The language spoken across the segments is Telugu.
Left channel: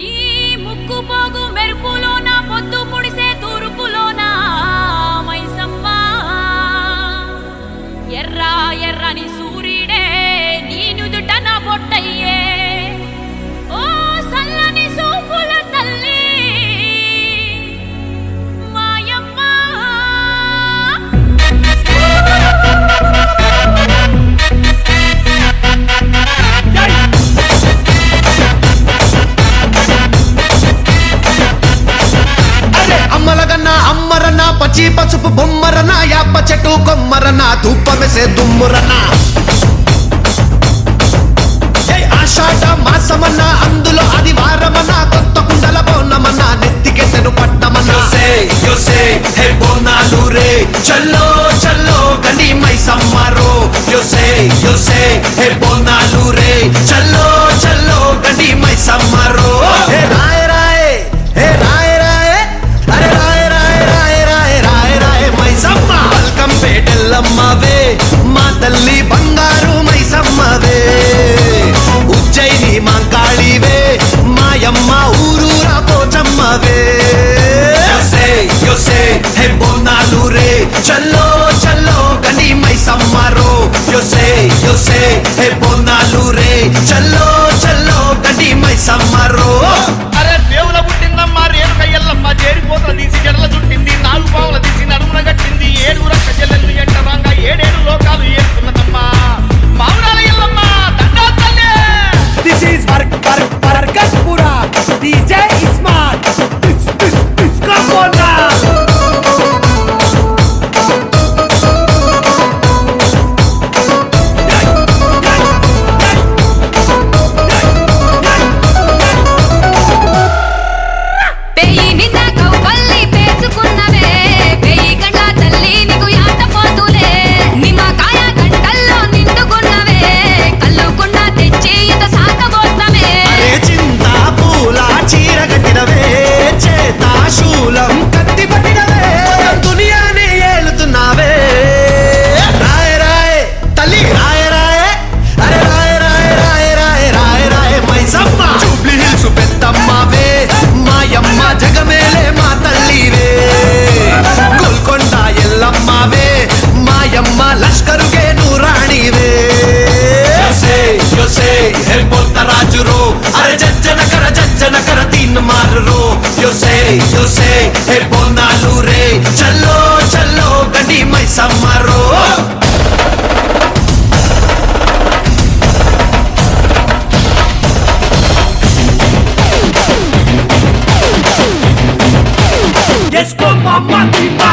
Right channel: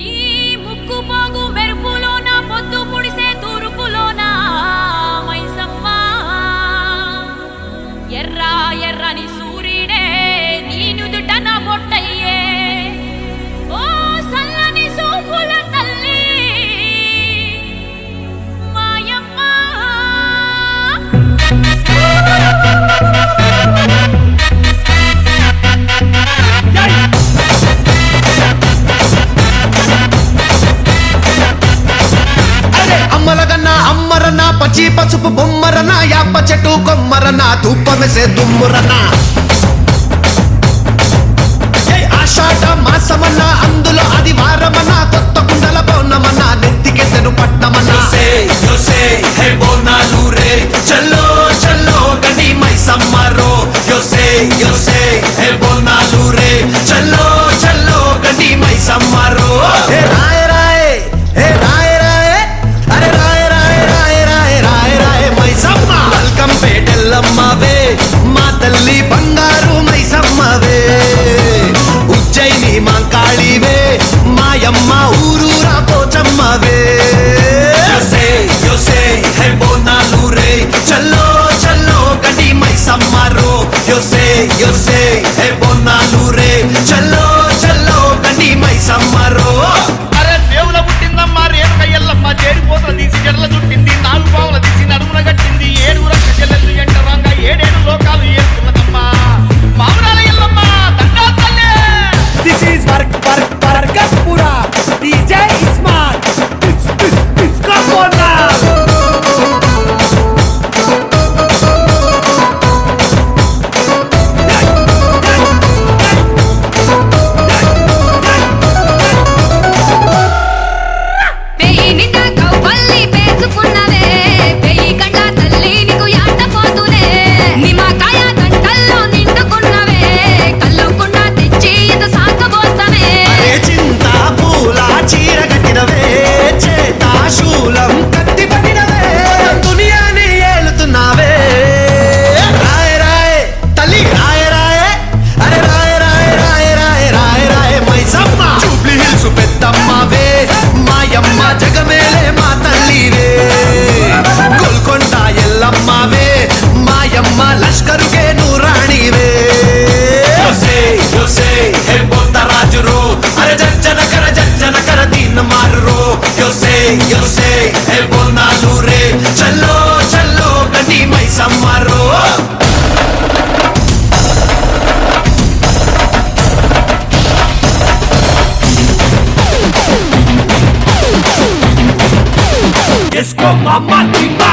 నీ ముక్కు పోగు మెరుపులోన పొద్దు ముడిసే తూర్పులోన మైసమ్మ ఎర్ర ఎర్రని సూర్యుడే నీ నుదుట నా బొట్టయ్యే ఓ సల్లని సూపుల తల్లి మాయమ్మ అమ్మలగన్నా అమ్మరన్నా పచ్చి పసుపు బొమ్మరన్నా యాప చెట్టు కొమ్మరన్నా ధూపమెసే దుమ్మురన్నా ఆషాఢ మాసమన్నా అందులో ఆదివారమన్నా కొత్త కుండల పౌర్ణమన్నా నెత్తికెత్తెను పట్నమన్నా చల్లో చల్లో గని మైసమ్మరో చల్లో చల్లో గని మైసమ్మరో హే రాయ్ రాయ్ హే రాయ్ రాయ్ అరే రాయ్ రాయ్ రాయ్ రాయ్ రాయ్ రాయ్ మైసమ్మ వెల్కమ్ పేటెల్లమ్మవే మా తల్లి బంగారు మైసమ్మవే ఉజ్జయిని మాంకాళివే మాయమ్మ ఊరూరా పోచమ్మవే చల్లో చల్లో గని మైసమ్మరో చల్లో చల్లో గని మైసమ్మరో అరే దేవుల పుట్టిందమ్మా రేణుక ఎల్లమ్మ చేరిపోతల తీసి జడల చుట్టింది నాలుగు పావుల తీసి నడుమున గట్టింది ఏడుగుర కజెల్లెల్లు ఎంటరాంగా ఏడేడు లోకాలు ఏలుతున్నదమ్మా మావురాల ఎల్లమ్మ దండా తల్లి. This is Barkatpura. DJ Ismail. This come on now. శూలం కత్తి పట్టినవే దునియాని ఏలుతున్నావే రాయ్ రాయ్ తల్లి రాయ్ రాయ్ అరే రాయ్ రాయ్ రాయ్ రాయ్ రాయ్ రాయ్ మైసమ్మ జూబ్లీ హిల్స్ పెద్దమ్మవే మాయమ్మ జగమేలే మా తల్లివే గోల్కొండ ఎల్లమ్మవే మాయమ్మ లష్కరుకే నూరాణివే రాజురో అరే జజ్జన కర దీన్ మారురో చల్లో చల్లో గని మైసమ్మరో Esco mama timba.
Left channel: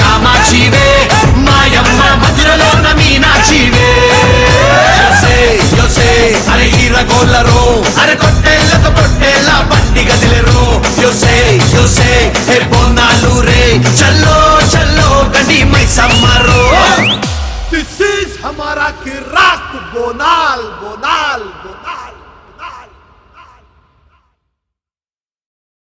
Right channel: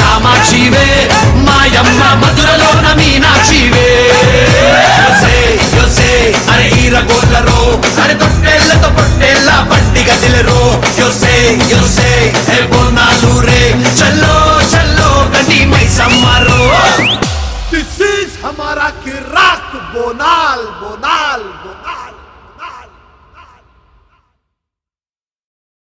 కామాక్షివే మాయమ్మ మధురలోన మీనాక్షివే అరే హీరగోళ్ళరో అరే కొట్టేళ్ళతో పొట్టేళ్ళ పండిగ తెలరో బోనాలు రే చల్లో చల్లో గని మైసమ్మరో this is Hamara Kirik Bonal Bonal Bonal